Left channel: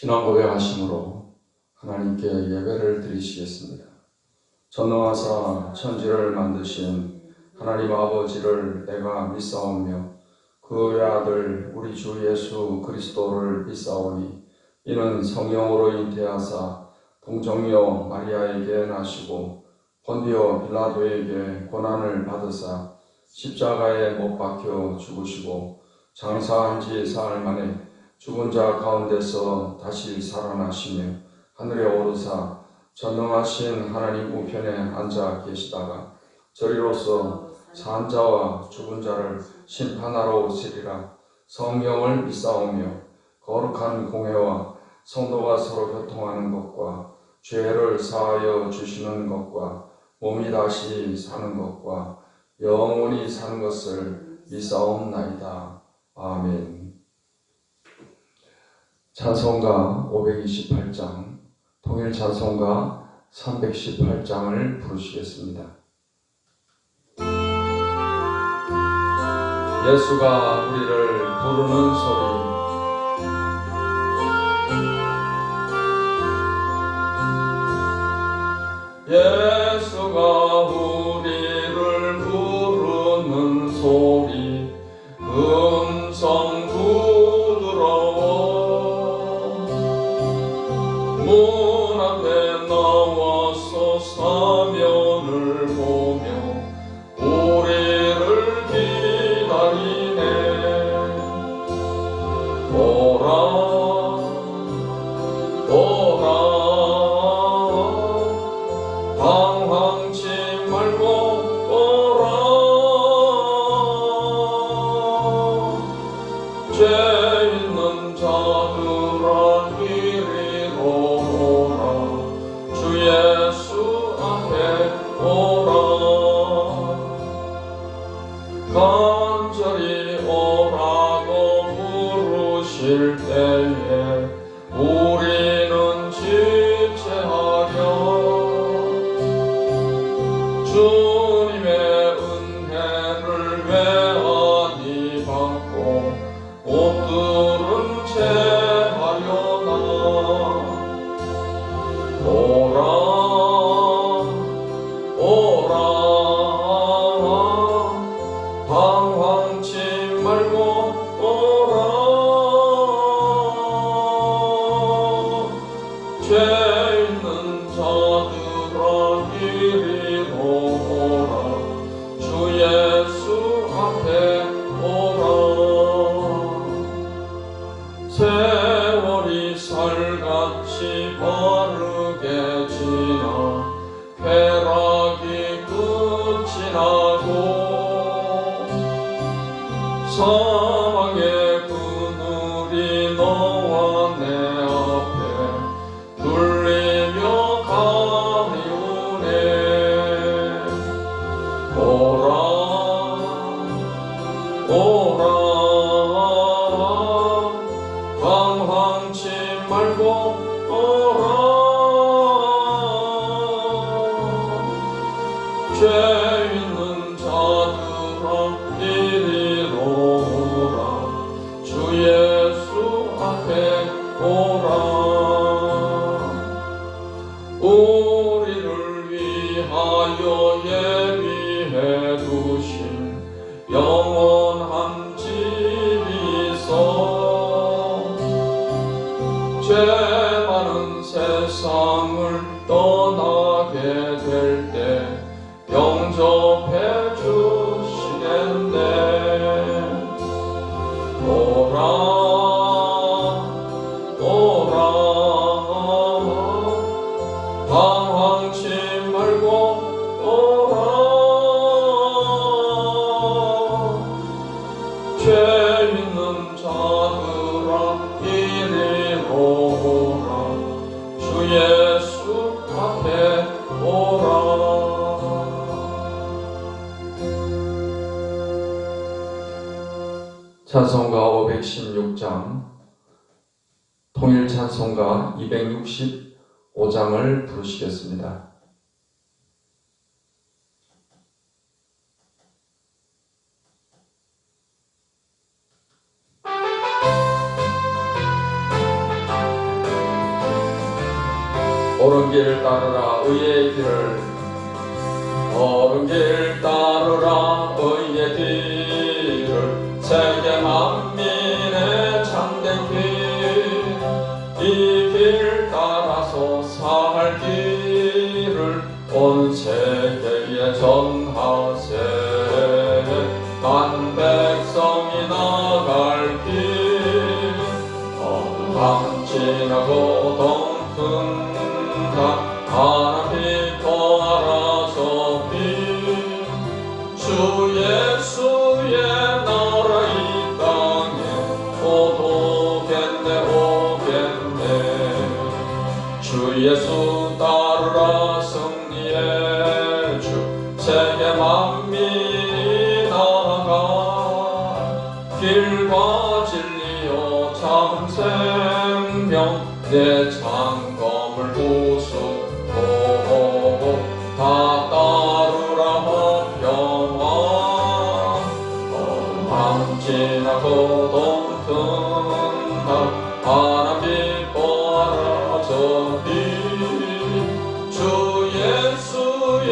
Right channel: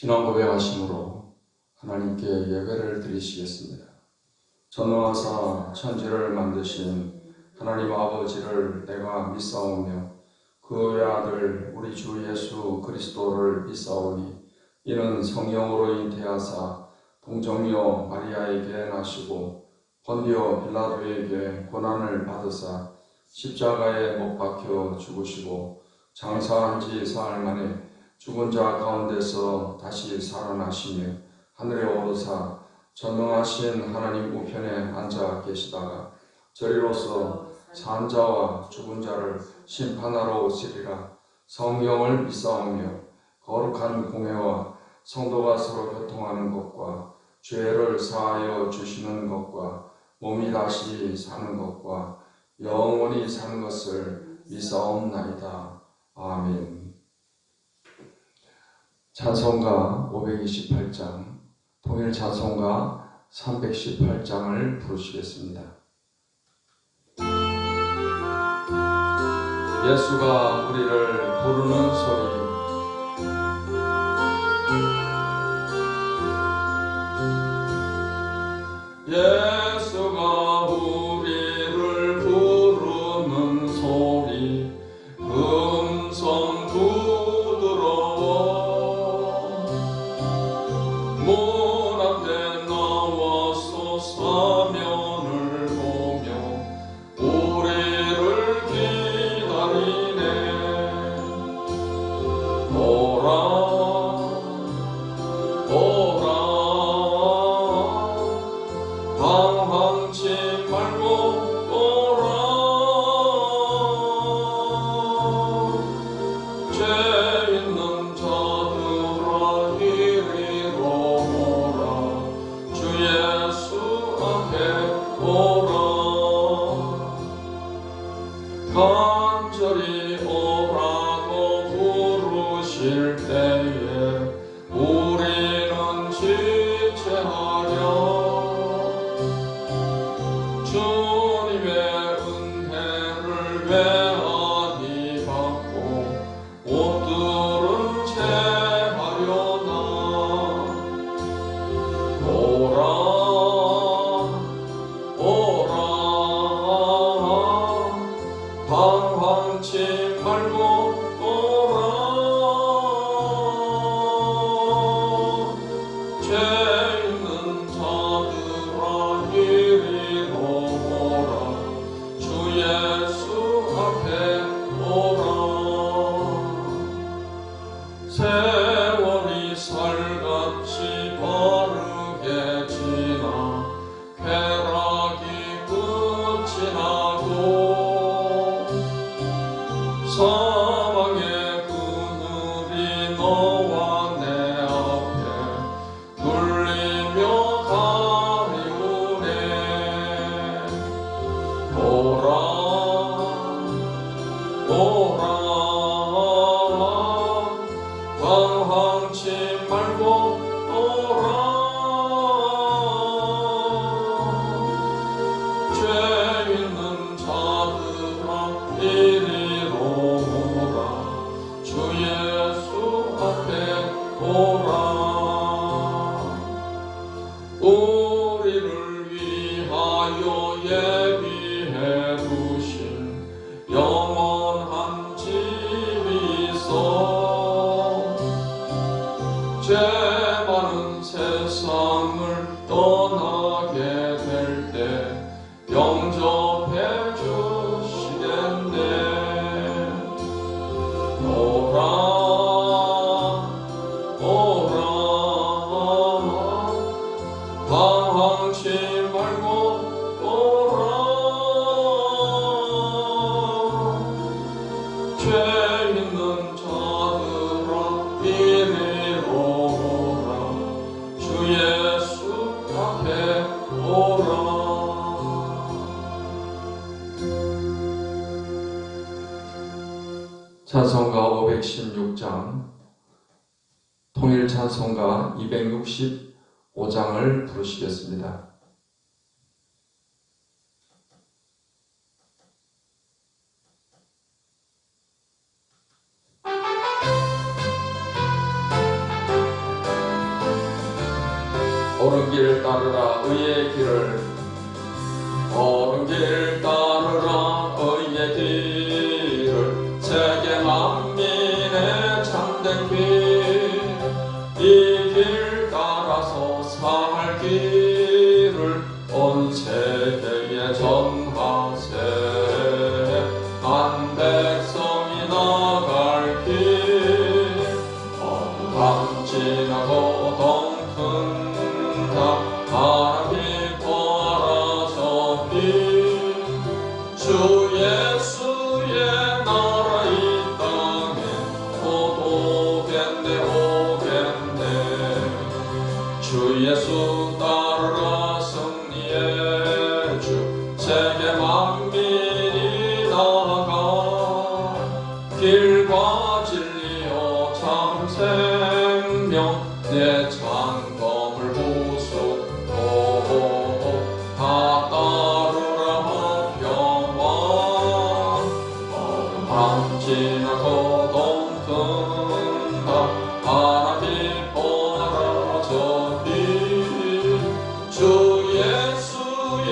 신앙 고백하심으로 하나님께 예배를 드리시겠습니다. 전능하사 천지를 만드신 하나님 아버지를 내가 믿사오며 그 외아들 우리 주 예수 그리스도를 믿사오니 이는 성령으로 잉태하사 동정녀 마리아에게 나시고 본디오 빌라도에게 고난을 받으사 십자가에 못 박혀 죽으시고 장사한 지 사흘 만에 죽은 자 가운데서 다시 살아나시며 하늘에 오르사 전능하신 하나님 우편에 앉아 계시다가 저리로서 산 자와 죽은 자를 심판하러 오시리라. 성경을 믿사오며 거룩한 공회와 성도가 서로 교통하는 것과 죄를 사하여 주시는 것과 몸이 다시 사는 것과 영원히 사는 것을 믿사옵나이다. 아멘. 찬송가 528장, 통일 찬송가 318장을 부르시겠습니다. 예수가 우리를 부르는 소리. 예수가 우리를 부르는 소리, 음성 부드러워 문 앞에 나와서 사면을 보며 우리를 기다리네. 오라 오라 방황치 말고 오라. 죄 있는 자들아 이리로 오라. 주 예수 앞에 오라. 간절히 오라고 부르실 때에 우리는 지체하려 주님의 은혜를 외아디 받고 옷들은 채하려나. 오라 오라 방황치 말고 오라. 죄 있는 자들아 이리로 오라. 주 예수 앞에 오라. 세월이 살같이 바르게 지나 쾌락이 끝이 나고 사망의 그늘이 너와 내 앞에 눌리며 가리우네. 오라 오라 방황치 말고 오라. 죄 있는 자들아 이리로 오라. 주 예수 앞에 오라. 우리를 위하여 예비해 두신 영원한 집이 있어 죄 많은 세상을 떠나게 될 때 영접해 주시겠네. 오라 오라 방황치 말고 오라. 죄 있는 자들아 이리로 오라. 주 예수 앞에 오라. 찬송가 516장, 통일 찬송가 265장을 부르시겠습니다. 옳은 길 따르라 의의 길을, 옳은 길 따르라 의의 길을, 세계 만민의 참된 길, 이 길 따라서 살 길을 온 세계에 전하세. 한 백성이 나갈 길, 어둠 지나고 동튼다 하나빛 알아서 빛, 주 예수의 나라 이 땅에 곧 오겠네 오겠네. 주 예수 따르라 승리의 주, 세계 만민이 나아가 길과 진리요 참 생명, 내 창검을 부수고 다 따르라 화평아. 어둠 밤 지나고 동튼다 하나빛 보아라 빛, 주 예수의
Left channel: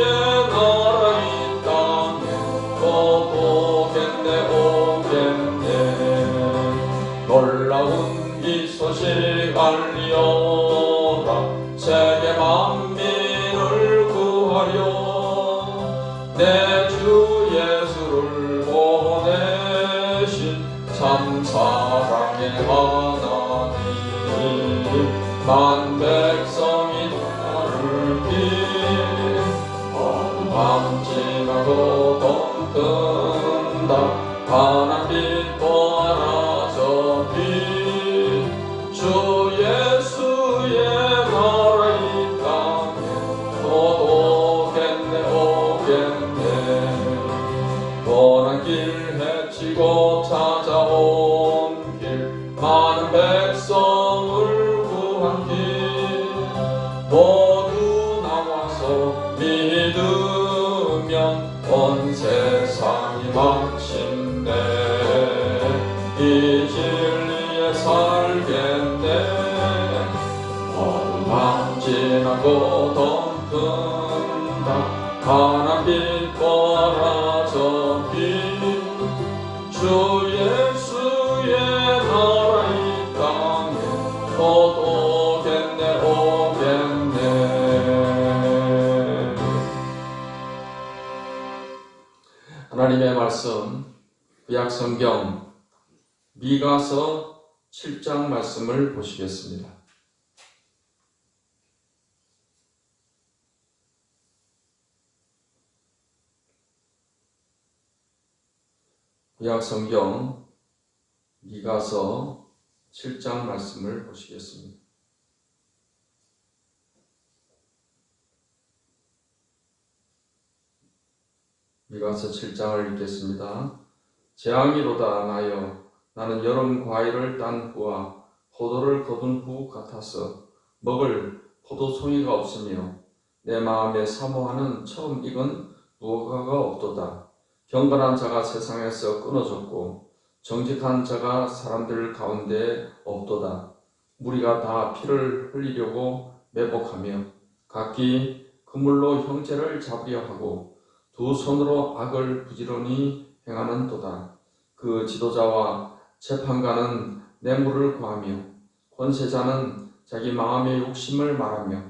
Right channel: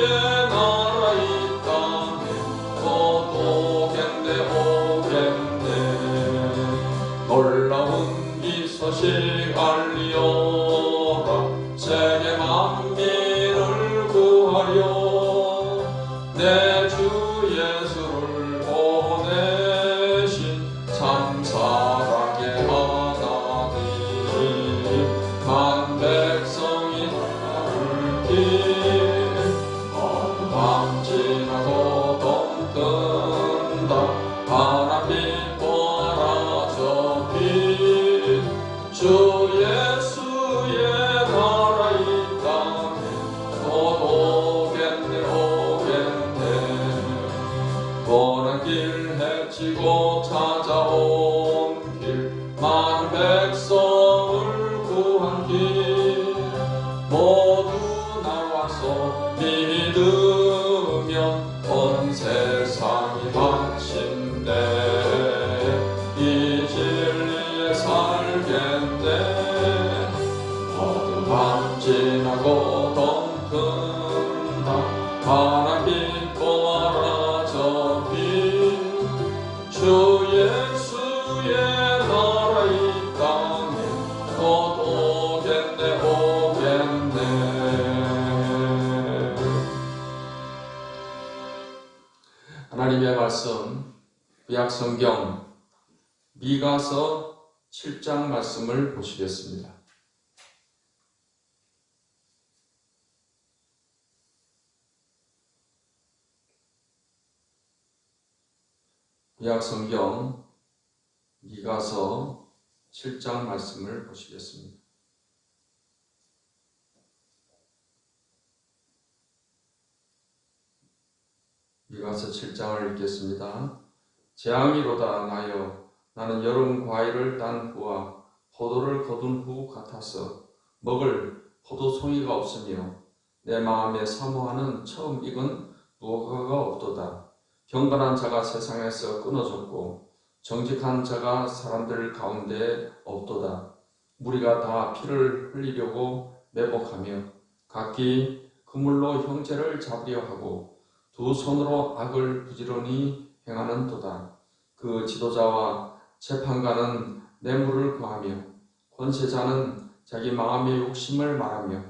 나라 이 땅에 곧 오겠네 오겠네. 놀라운 이 소식 알리어라, 세계 만민을 구하여 내 주 예수를 보내신 참 사랑의 하나님. 만 백성이 나를 길, 어둠 밤 지나고 동튼다 하나빛 보아라 저 빛, 주 예수의 나라 이 땅에 곧 오겠네 오겠네. 원한 길 헤치고 찾아온 길, 많은 백성을 구한 길, 모두 나와서 믿으면 온 세상이 마침내 이 진리에 살겠네. 어둠 밤 지나고 동튼다 하나빛 보아라 저 빛, 주 예수의 나라 이 땅에 곧 오겠네 오겠네. 하나님의 말씀, 구약성경 미가서 7장 말씀을 보시겠습니다. 구약성경 미가서 7장 말씀을 보시겠습니다. 미가서 7장을 읽겠습니다. 재앙이로다 나여, 나는 여름 과일을 딴 후와 포도를 거둔 후 같아서 먹을 포도송이가 없으며 내 마음에 사모하는 처음 익은 무화과가 없도다. 경건한 자가 세상에서 끊어졌고 정직한 자가 사람들 가운데 없도다. 무리가 다 피를 흘리려고 매복하며 각기 그물로 형제를 잡으려 하고 두 손으로 악을 부지런히 행하는도다. 그 지도자와 재판관은 뇌물을 구하며 권세자는 자기 마음의 욕심을 말하며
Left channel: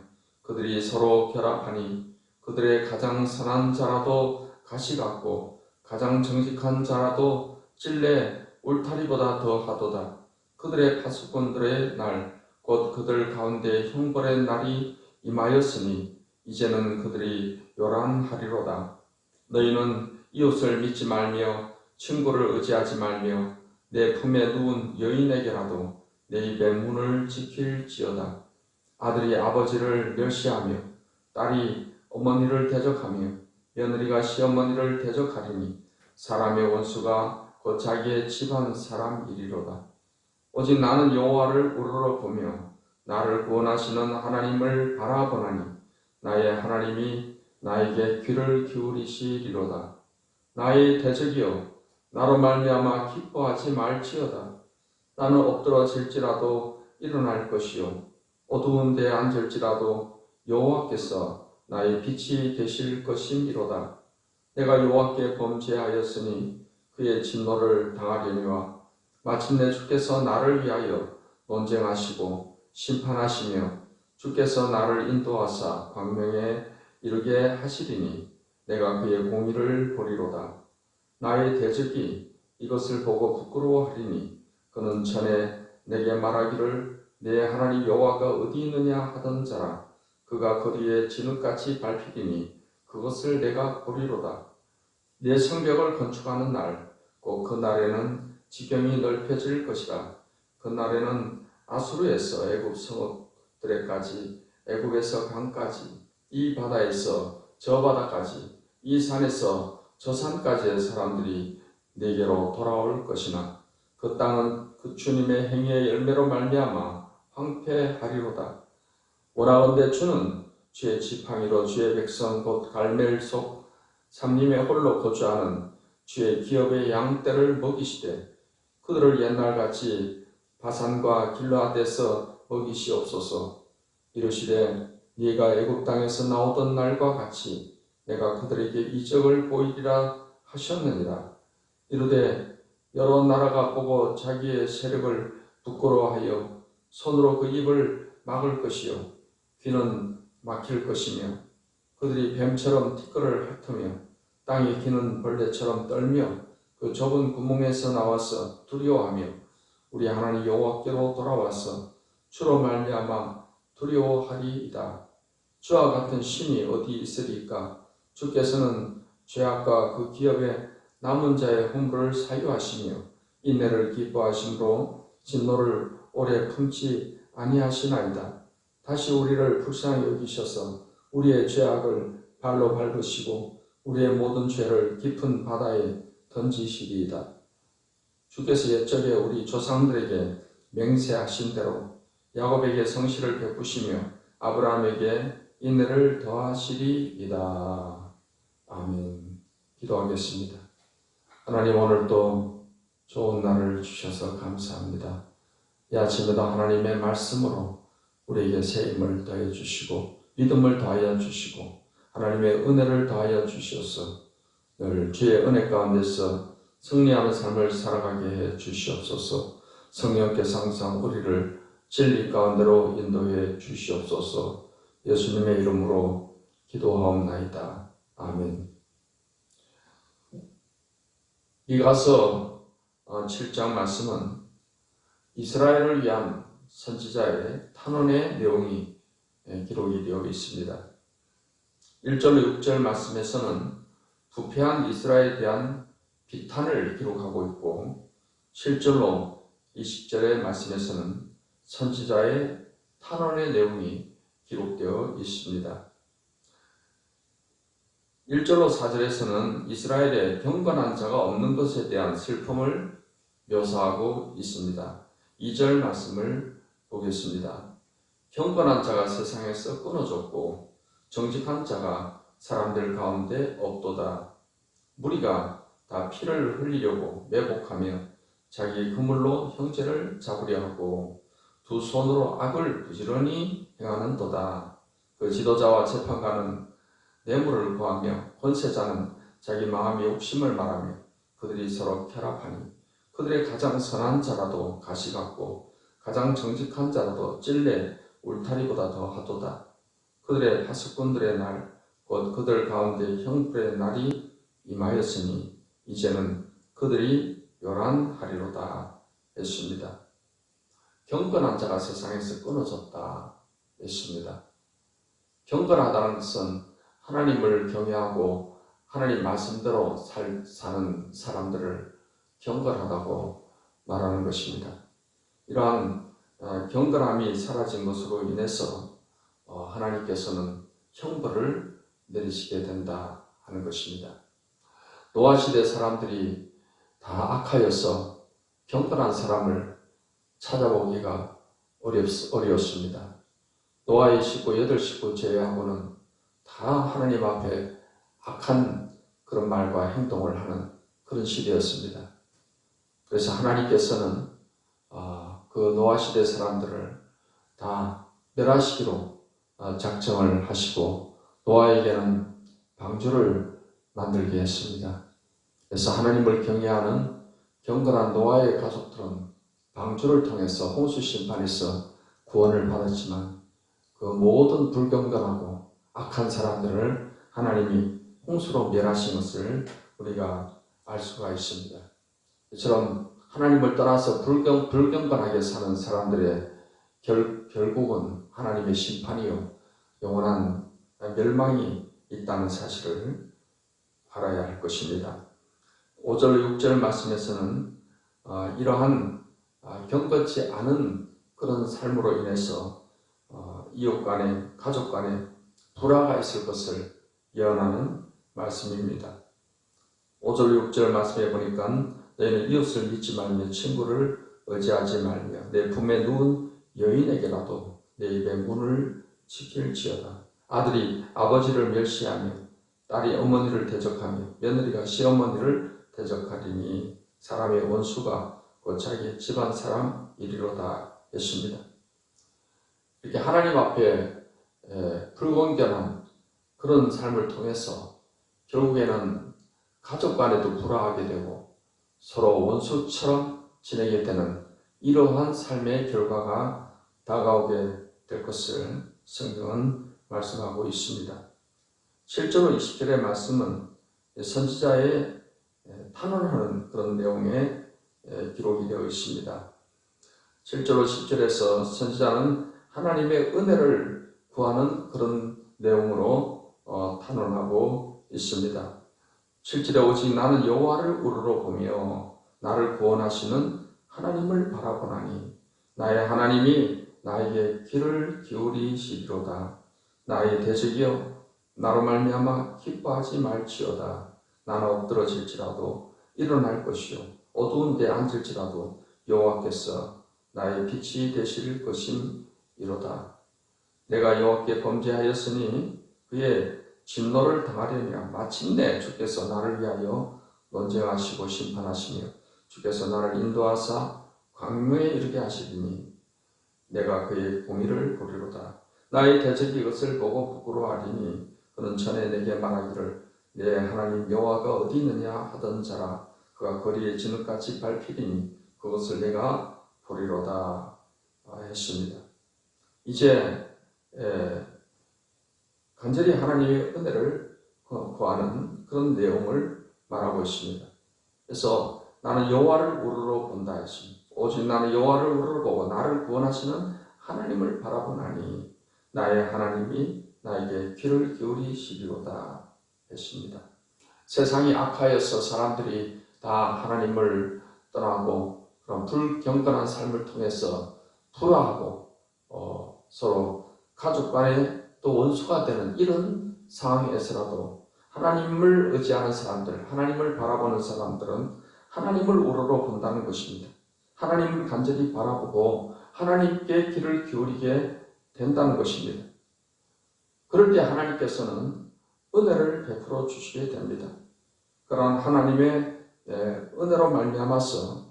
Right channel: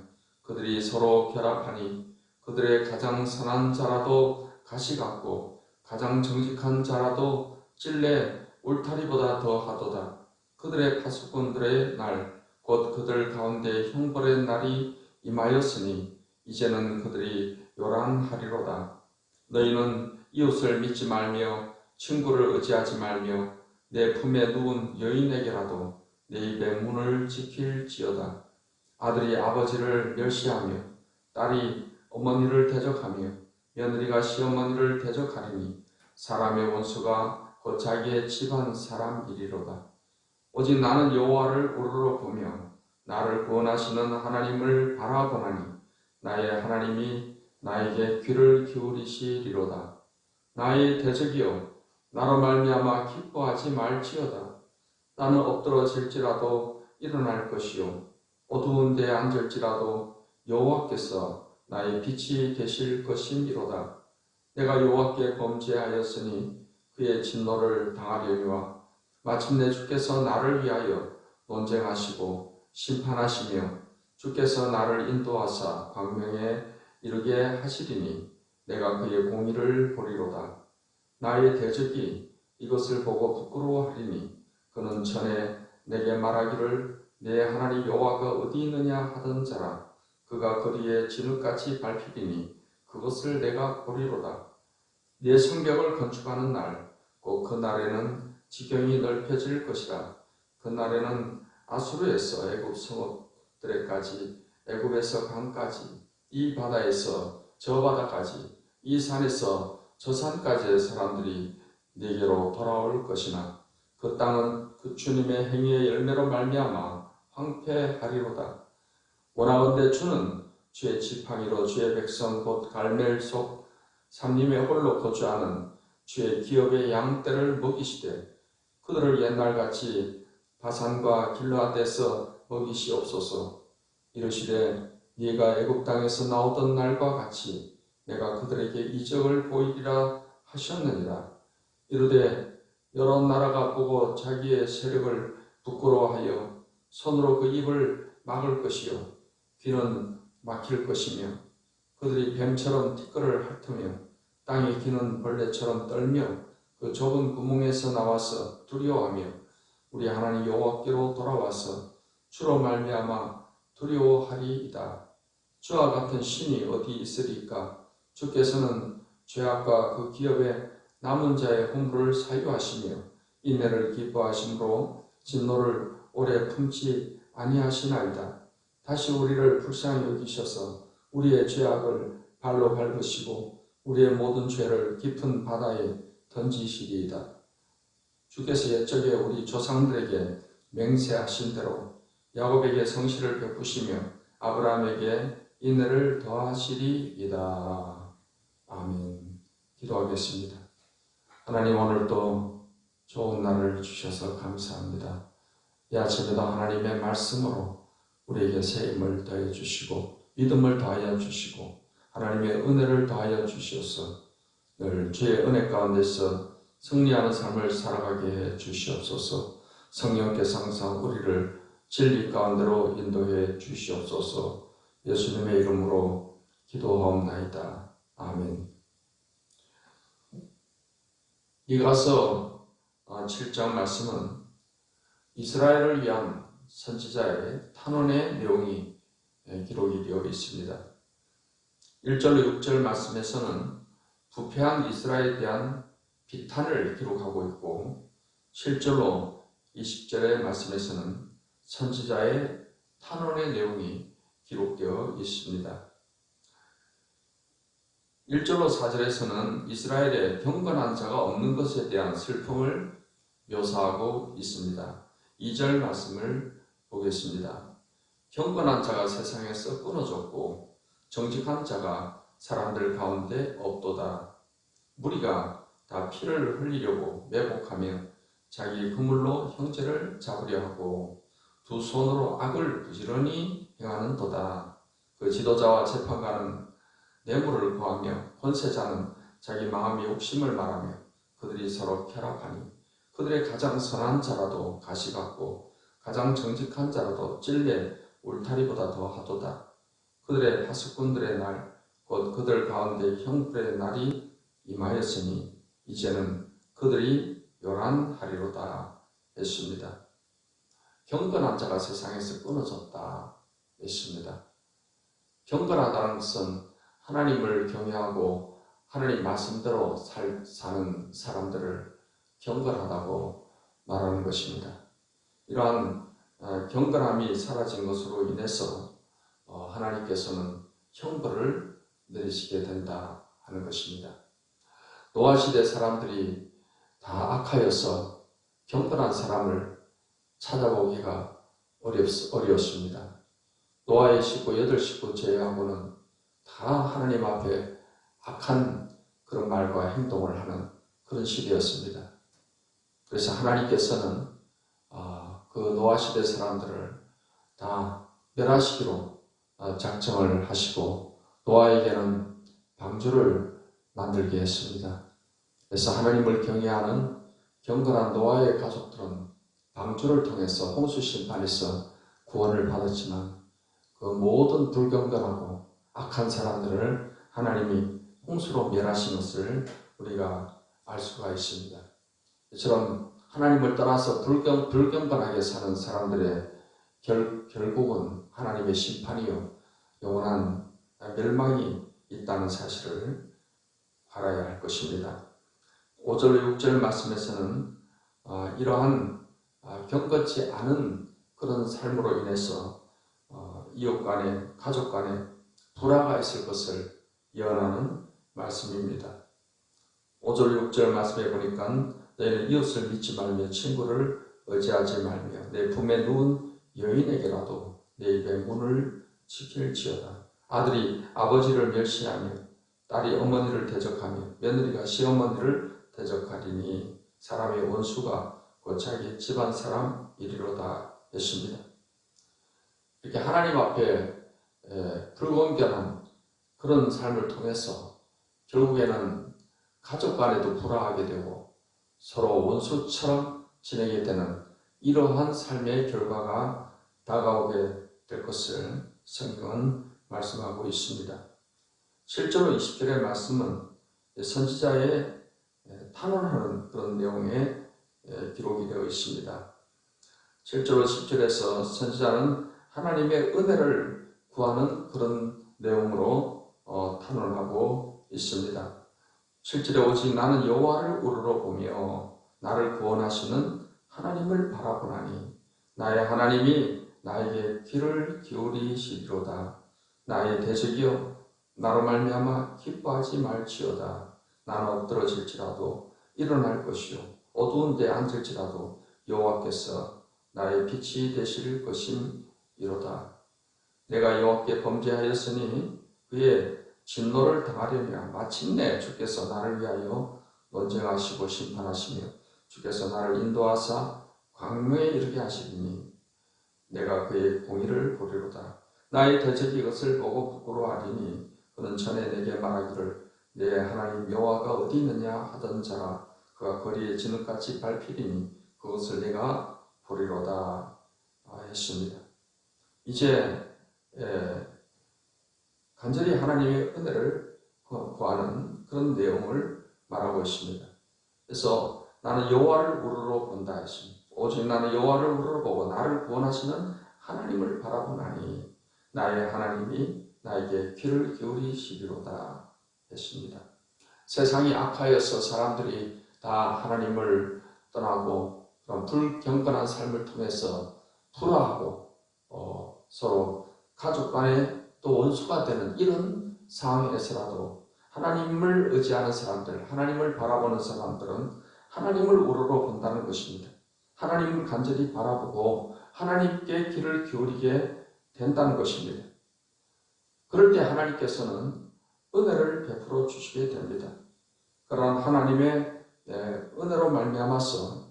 그들이 서로 결합하니 그들의 가장 선한 자라도 가시 같고 가장 정직한 자라도 찔레 울타리보다 더하도다. 그들의 파수꾼들의 날 곧 그들 가운데 형벌의 날이 임하였으니 이제는 그들이 요란하리로다. 너희는 이웃을 믿지 말며 친구를 의지하지 말며 내 품에 누운 여인에게라도 내 입의 문을 지킬지어다. 아들이 아버지를 멸시하며 딸이 어머니를 대적하며 며느리가 시어머니를 대적하리니 사람의 원수가 곧 자기의 집안 사람이리로다. 오직 나는 여호와를 우러러보며 나를 구원하시는 하나님을 바라보나니 나의 하나님이 나에게 귀를 기울이시리로다. 나의 대적이여, 나로 말미암아 기뻐하지 말지어다. 나는 엎드러질지라도 일어날 것이요 어두운 데에 앉을지라도 여호와께서 나의 빛이 되실 것임이로다. 내가 여호와께 범죄하였으니 그의 진노를 당하려니와 마침내 주께서 나를 위하여 논쟁하시고 심판하시며 주께서 나를 인도하사 광명에 이르게 하시리니 내가 그의 공의를 보리로다. 나의 대적이 이것을 보고 부끄러워하리니 그는 전에 내게 말하기를 내 하나님 여호와가 어디 있느냐 하던 자라. 그가 거리에 진흙같이 밟히리니 그것을 내가 보리로다. 내 성벽을 건축하는 날, 곧 그 날에는 지경이 넓혀질 것이라. 그 날에는 아수르에서 애굽 성읍들에까지, 애굽에서 강까지, 이 바다에서 저 바다까지, 이 산에서 저 산까지의 사람들이 내게로 돌아올 것이나 그 땅은 그 주님의 행위의 열매로 말미암아 황폐하리로다. 원하건대 주는 주의 지팡이로 주의 백성 곧 갈멜 속 삼림의 홀로 거주하는 주의 기업의 양떼를 먹이시되 그들을 옛날같이 바산과 길르앗에서 먹이시옵소서. 이르시되 네가 애굽 땅에서 나오던 날과 같이 내가 그들에게 이적을 보이리라 하셨느니라. 이르되 여러 나라가 보고 자기의 세력을 부끄러워하여 손으로 그 입을 막을 것이요 귀는 막힐 것이며 그들이 뱀처럼 티끌을 핥으며 땅에 기는 벌레처럼 떨며 그 좁은 구멍에서 나와서 두려워하며 우리 하나님 여호와께로 돌아와서 주로 말미암아 두려워하리이다. 주와 같은 신이 어디 있으리까? 주께서는 죄악과 그 기업에 남은 자의 허물을 사유하시며 인내를 기뻐하심으로 진노를 오래 품지 아니하시나이다. 다시 우리를 불쌍히 여기셔서 우리의 죄악을 발로 밟으시고 우리의 모든 죄를 깊은 바다에 던지시리이다. 주께서 옛적에 우리 조상들에게 맹세하신 대로 야곱에게 성실을 베푸시며 아브라함에게 인내를 더하시리이다. 아멘. 기도하겠습니다. 하나님, 오늘도 좋은 날을 주셔서 감사합니다. 이 아침에도 하나님의 말씀으로 우리에게 새 힘을 더해 주시고 믿음을 더하여 주시고 하나님의 은혜를 더하여 주셔서 늘 주의 은혜 가운데서 승리하는 삶을 살아가게 해 주시옵소서. 성령께서 항상 우리를 진리 가운데로 인도해 주시옵소서. 예수님의 이름으로 기도하옵나이다. 아멘. 이가서 7장 말씀은 이스라엘을 위한 선지자의 탄원의 내용이 기록이 되어 있습니다. 1절로 6절 말씀에서는 부패한 이스라엘에 대한 비탄을 기록하고 있고 7절로 20절의 말씀에서는 선지자의 탄원의 내용이 기록되어 있습니다. 1절로 4절에서는 이스라엘의 경건한 자가 없는 것에 대한 슬픔을 묘사하고 있습니다. 2절 말씀을 보겠습니다. 경건한 자가 세상에서 끊어졌고 정직한 자가 사람들 가운데 없도다. 무리가 다 피를 흘리려고 매복하며 자기 그물로 형제를 잡으려 하고 두 손으로 악을 부지런히 행하는도다. 그 지도자와 재판관은 뇌물을 구하며 권세자는 자기 마음의 욕심을 말하며 그들이 서로 쾌락하니 그들의 가장 선한 자라도 가시 같고 가장 정직한 자라도 찔레 울타리보다 더 하도다. 그들의 파수꾼들의 날, 곧 그들 가운데 형벌의 날이 임하였으니 이제는 그들이 요란하리로다 했습니다. 경건한 자가 세상에서 끊어졌다 했습니다. 경건하다는 것은 하나님을 경외하고 하나님 말씀대로 사는 사람들을 경건하다고 말하는 것입니다. 이러한 경건함이 사라진 것으로 인해서 하나님께서는 형벌을 내리시게 된다 하는 것입니다. 노아 시대 사람들이 다 악하여서 경건한 사람을 찾아보기가 어려웠습니다. 노아의 식구 8식구 제외하고는 다 하나님 앞에 악한 그런 말과 행동을 하는 그런 시대였습니다. 그래서 하나님께서는 그 노아 시대 사람들을 다 멸하시기로 작정을 하시고 노아에게는 방주를 만들게 했습니다. 그래서 하나님을 경외하는 경건한 노아의 가족들은 방주를 통해서 홍수 심판에서 구원을 받았지만 그 모든 불경건하고 악한 사람들을 하나님이 홍수로 멸하신 것을 우리가 알 수가 있습니다. 이처럼 하나님을 떠나서 불경건하게 사는 사람들의 결국은 하나님의 심판이요 영원한 멸망이 있다는 사실을 알아야 할 것입니다. 5절 6절 말씀에서는 이러한 경건치 않은 그런 삶으로 인해서 이웃 간에 가족 간에 불화가 있을 것을 예언하는 말씀입니다. 5절 6절 말씀에 보니까 너희는 이웃을 믿지 말며 친구를 의지하지 말며 내 품에 누운 여인에게라도 내 입의 문을 지킬지어다. 아들이 아버지를 멸시하며 딸이 어머니를 대적하며 며느리가 시어머니를 대적하리니 사람의 원수가 곧 자기 집안 사람이리로다 했습니다. 이렇게 하나님 앞에 불건전한 그런 삶을 통해서 결국에는 가족 간에도 불화하게 되고 서로 원수처럼 지내게 되는 이러한 삶의 결과가 다가오게 될 것을 성경은 말씀하고 있습니다. 실제로 20절의 말씀은 선지자의 탄원하는 그런 내용의 기록이 되어 있습니다. 실제로 10절에서 선지자는 하나님의 은혜를 구하는 그런 내용으로 탄원하고 있습니다. 7절에 오직 나는 여호와를 우러러 보며 나를 구원하시는 하나님을 바라보나니 나의 하나님이 나에게 귀를 기울이시리로다. 나의 대적이여 나로 말미암아 기뻐하지 말지어다. 나는 엎드러질지라도 일어날 것이요 어두운 데 앉을지라도 여호와께서 나의 빛이 되실 것임이로다. 내가 여호와께 범죄하였으니 그의 진노를 당하려니와 마침내 주께서 나를 위하여 논쟁하시고 심판하시며 주께서 나를 인도하사 광명에 이르게 하시리니 내가 그의 공의를 보리로다. 나의 대적이 이것을 보고 부끄러워하리니 그는 전에 내게 말하기를 내 하나님 여호와가 어디 있느냐 하던 자라. 그가 거리에 진흙같이 밟히리니 그것을 내가 보리로다 했습니다. 이제 간절히 하나님의 은혜를 구하는 그런 내용을 말하고 있습니다. 그래서 나는 여호와를 우러러 본다 했습니다. 오직 나는 여호와를 우러러 보고 나를 구원하시는 하나님을 바라보나니 나의 하나님이 나에게 귀를 기울이시리로다 했습니다. 세상이 악하여서 사람들이 다 하나님을 떠나고 그런 불경건한 삶을 통해서 불화하고 서로 가족 간에 또 원수가 되는 이런 상황에서라도 하나님을 의지하는 사람들, 하나님을 바라보는 사람들은 하나님을 우러러 본다는 것입니다. 하나님을 간절히 바라보고 하나님께 귀를 기울이게 된다는 것입니다. 그럴 때 하나님께서는 은혜를 베풀어 주시게 됩니다. 그러한 하나님의 은혜로 말미암아서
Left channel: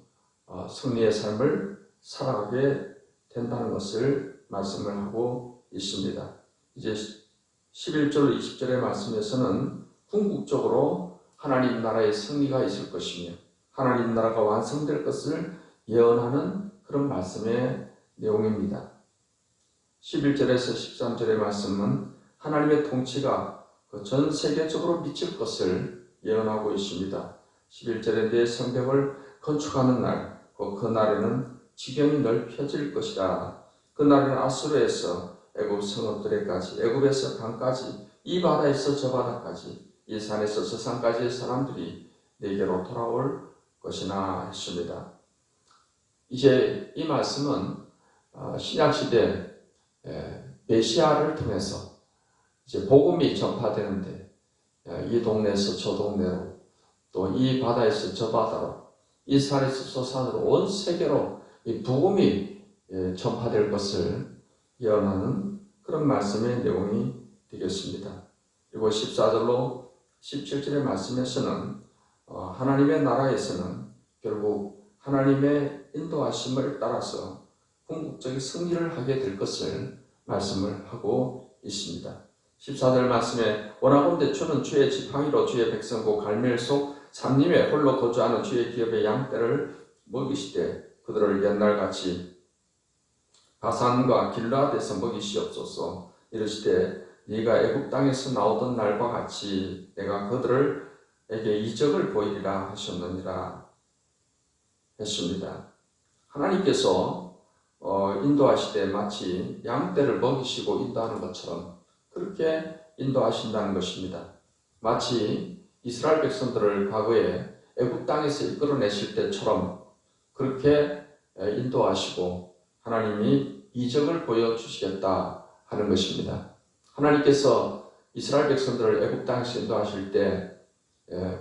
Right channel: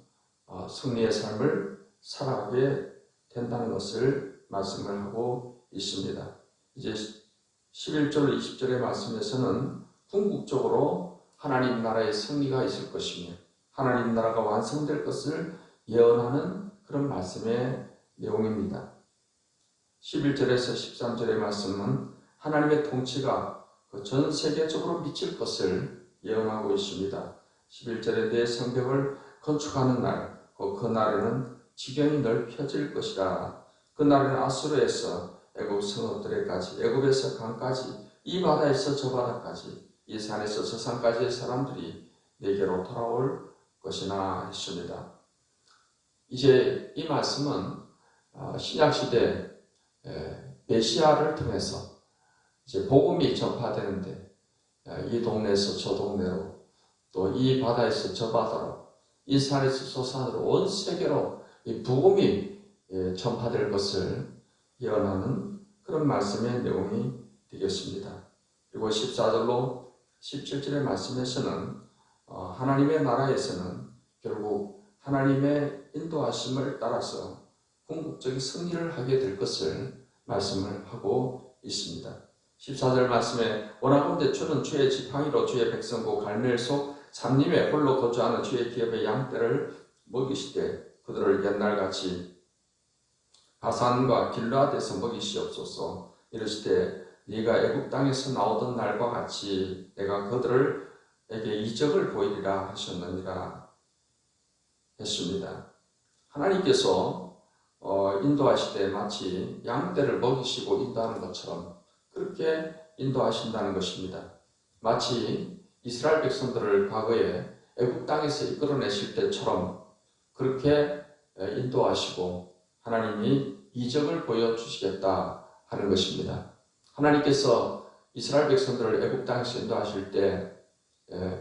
승리의 삶을 살아가게 된다는 것을 말씀을 하고 있습니다. 이제 11절 20절의 말씀에서는 궁극적으로 하나님 나라의 승리가 있을 것이며 하나님 나라가 완성될 것을 예언하는 그런 말씀의 내용입니다. 11절에서 13절의 말씀은 하나님의 통치가 전 세계적으로 미칠 것을 예언하고 있습니다. 11절에 내 성벽을 건축하는 날, 그 날에는 지경이 넓혀질 것이라. 그 날에는 아수르에서 애굽 성읍들에까지, 애굽에서 강까지, 이 바다에서 저 바다까지, 이 산에서 저 산까지의 사람들이 내게로 돌아올 것이나 했습니다. 이제 이 말씀은 신약시대 메시아를 통해서 이제 복음이 전파되는데 이 동네에서 저 동네로 또 이 바다에서 저 바다로 이 산에서 저 산으로 온 세계로 이 복음이 전파될 것을 예언하는 그런 말씀의 내용이 되겠습니다. 그리고 14절로 17절의 말씀에서는 하나님의 나라에서는 결국 하나님의 인도하심을 따라서 궁극적인 승리를 하게 될 것을 말씀을 하고 있습니다. 14절 말씀에 원하건대 주는 주의 지팡이로 주의 백성고 갈멜 속 삼림에 홀로 거주하는 주의 기업의 양떼를 먹이시되 그들을 옛날같이 바산과 길르앗에서 먹이시옵소서. 이르시되 네가 애굽 땅에서 나오던 날과 같이 내가 그들에게 이적을 보이리라 하셨느니라 했습니다. 하나님께서 인도하시되 마치 양떼를 먹이시고 인도하는 것처럼 그렇게 인도하신다는 것입니다. 마치 이스라엘 백성들을 과거에 애굽 땅에서 이끌어내실 때처럼 그렇게 인도하시고 하나님이 이적을 보여주시겠다 하는 것입니다. 하나님께서 이스라엘 백성들을 애굽 땅에서 인도하실 때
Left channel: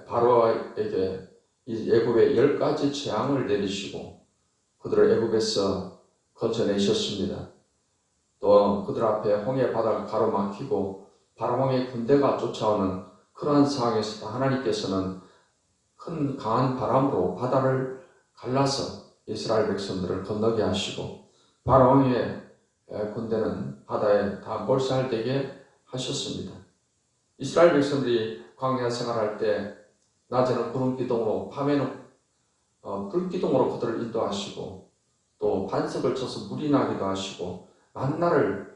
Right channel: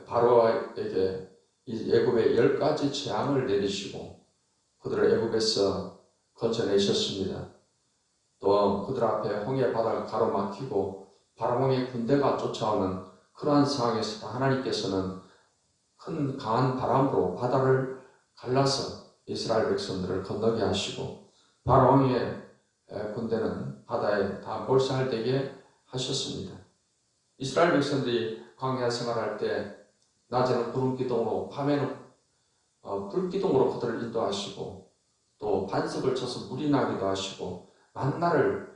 바로에게 이 애굽의 10가지 재앙을 내리시고 그들을 애굽에서 건져내셨습니다. 또 그들 앞에 홍해 바다가 가로막히고 바로왕의 군대가 쫓아오는 그러한 상황에서 하나님께서는 큰 강한 바람으로 바다를 갈라서 이스라엘 백성들을 건너게 하시고 바로왕의 군대는 바다에 다 몰살되게 하셨습니다. 이스라엘 백성들이 광야 생활할 때 낮에는 구름 기둥으로 밤에는 불 기둥으로 그들을 인도하시고 또 반석을 쳐서 물이 나기도 하시고 만나를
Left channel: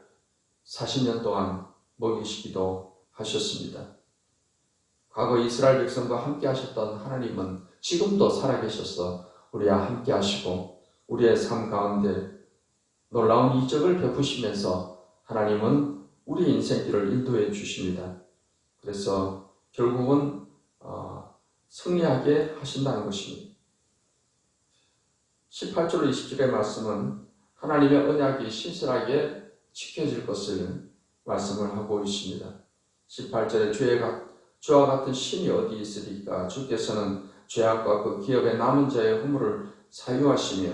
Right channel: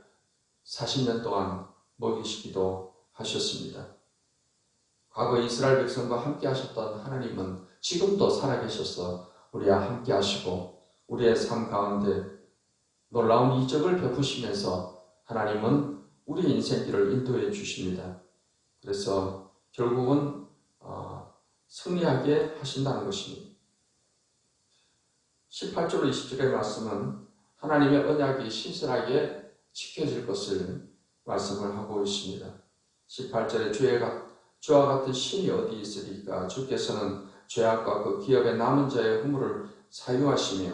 40년 동안 먹이시기도 하셨습니다. 과거 이스라엘 백성과 함께 하셨던 하나님은 지금도 살아계셔서 우리와 함께 하시고 우리의 삶 가운데 놀라운 이적을 베푸시면서 하나님은 우리 인생길을 인도해 주십니다. 그래서 결국은 승리하게 하신다는 것입니다. 18절 20절의 말씀은 하나님의 언약이 신실하게 지켜질 것을 말씀을 하고 있습니다. 18절에 주와 같은 신이 어디 있으리까? 주께서는 죄악과 그 기업의 남은 자의 허물을 사유하시며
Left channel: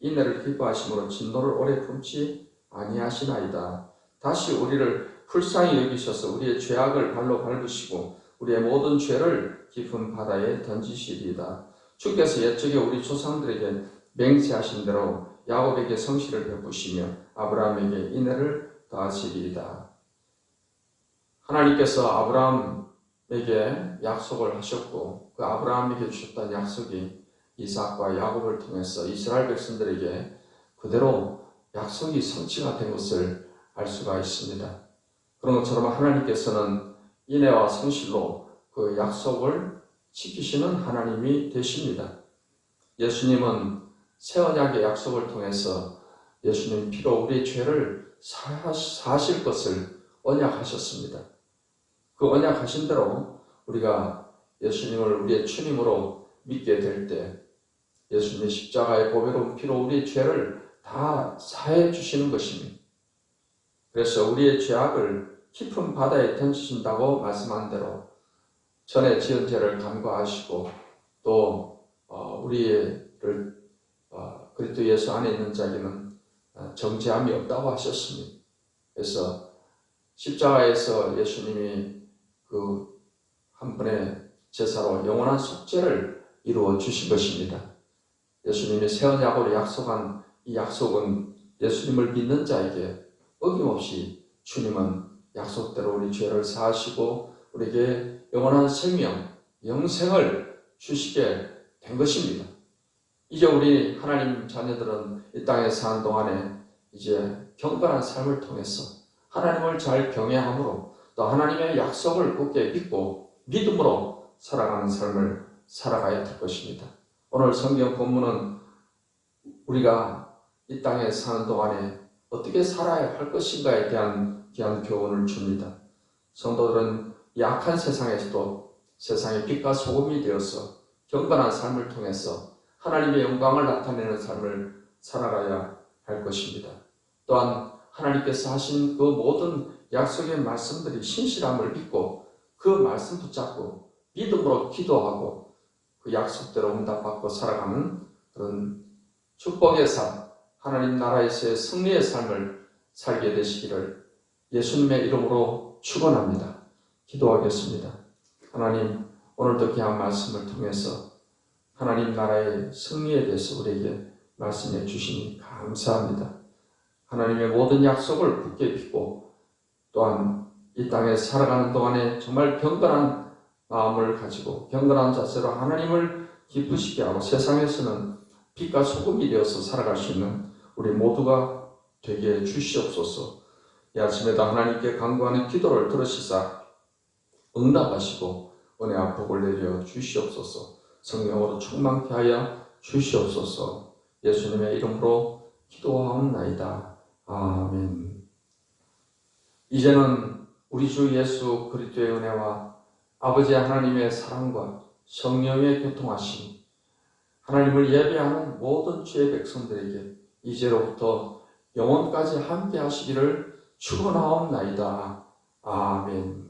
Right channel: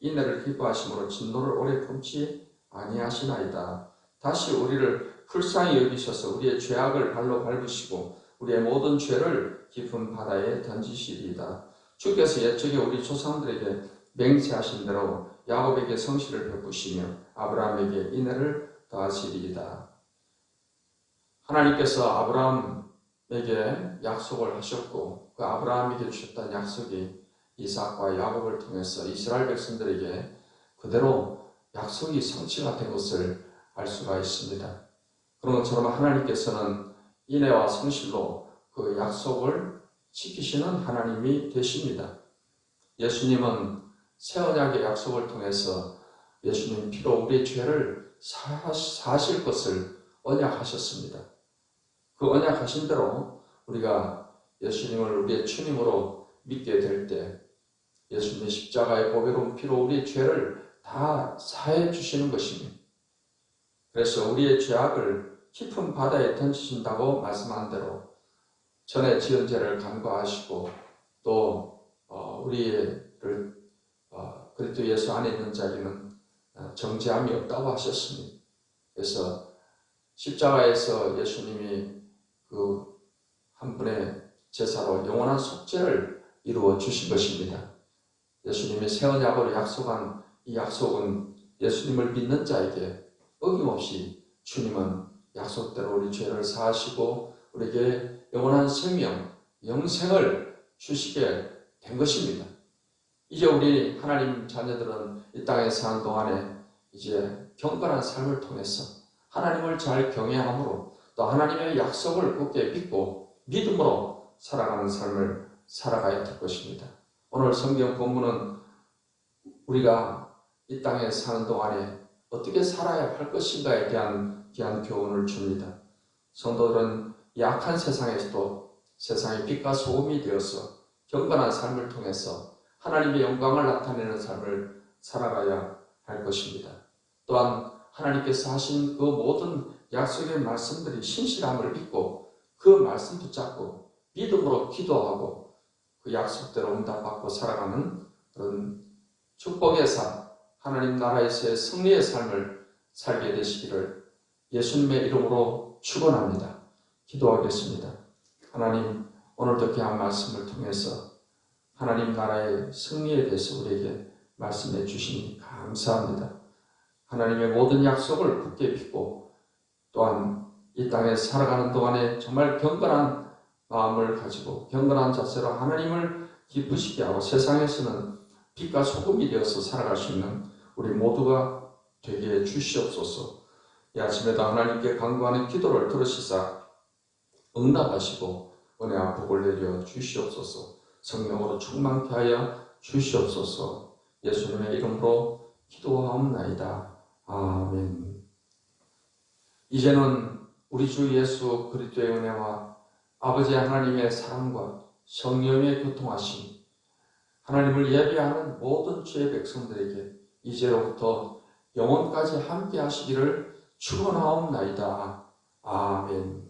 인애를 기뻐하심으로 진노를 오래 품지 아니하시나이다. 다시 우리를 불쌍히 여기셔서 우리의 죄악을 발로 밟으시고 우리의 모든 죄를 깊은 바다에 던지시리이다. 주께서 옛적에 우리 조상들에게 맹세하신 대로 야곱에게 성실을 베푸시며 아브라함에게 인애를 더하시리이다. 하나님께서 아브라함에게 약속을 하셨고 그 아브라함에게 주셨던 약속이 이삭과 야곱을 통해서 이스라엘 백성들에게 그대로 약속이 성취가 된 것을 알 수가 있습니다. 그런 것처럼 하나님께서는 인애와 성실로 그 약속을 지키시는 하나님이 되십니다. 예수님은 새 언약의 약속을 통해서 예수님 피로 우리의 죄를 사하실 것을 언약하셨습니다. 그 언약하신 대로 우리가 예수님을 우리의 주님으로 믿게 될 때 예수님의 십자가의 보배로운 피로 우리의 죄를 다 사해 주시는 것입니다. 그래서 우리의 죄악을 깊은 바다에 던지신다고 말씀한 대로 전에 지은 죄를 간과하시고 또 우리를 그리스도 예수 안에 있는 자에게는 정죄함이 없다고 하셨습니다. 그래서 십자가에서 예수님이 그 한 분의 제사로 영원한 속죄를 이루어 주신 것입니다. 예수님이 새 언약으로 약속한 이 약속은 예수님을 믿는 자에게 어김없이 주님은 약속대로 우리 죄를 사하시고 우리에게 영원한 생명, 영생을 주시게 된 것입니다. 이제 우리 하나님 자녀들은 이 땅에 사는 동안에 이제 경건한 삶을 통해서 하나님을 잘 경외함으로 또 하나님의 약속을 굳게 믿고 믿음으로 살아가는 삶을 살아가야 될 것입니다. 오늘 성경 본문은 우리가 이 땅에 사는 동안에 어떻게 살아야 할 것인가에 대한 귀한 교훈을 줍니다. 성도들은 약한 세상에서도 세상의 빛과 소금이 되어서 경건한 삶을 통해서 하나님의 영광을 나타내는 삶을 살아가야 할 것입니다. 또한 하나님께서 하신 그 모든 약속의 말씀들이 신실함을 믿고 그 말씀 붙잡고 믿음으로 기도하고 그 약속대로 응답받고 살아가는 그런 축복의 삶, 하나님 나라에서의 승리의 삶을 살게 되시기를 예수님의 이름으로 축원합니다. 기도하겠습니다. 하나님, 오늘도 귀한 말씀을 통해서 하나님 나라의 승리에 대해서 우리에게 말씀해 주시니 감사합니다. 하나님의 모든 약속을 굳게 믿고 또한 이 땅에 살아가는 동안에 정말 경건한 마음을 가지고 경건한 자세로 하나님을 기쁘시게 하고 세상에서는 빛과 소금이 되어서 살아갈 수 있는 우리 모두가 되게 주시옵소서. 이 아침에도 하나님께 간구하는 기도를 들으시사 응답하시고 은혜와 복을 내려 주시옵소서. 성령으로 충만케 하여 주시옵소서. 예수님의 이름으로 기도하옵나이다. 아멘. 이제는 우리 주 예수 그리스도의 은혜와 아버지 하나님의 사랑과 성령의 교통하심, 하나님을 예배하는 모든 주의 백성들에게 이제로부터 영원까지 함께 하시기를 축원하옵나이다. 아멘.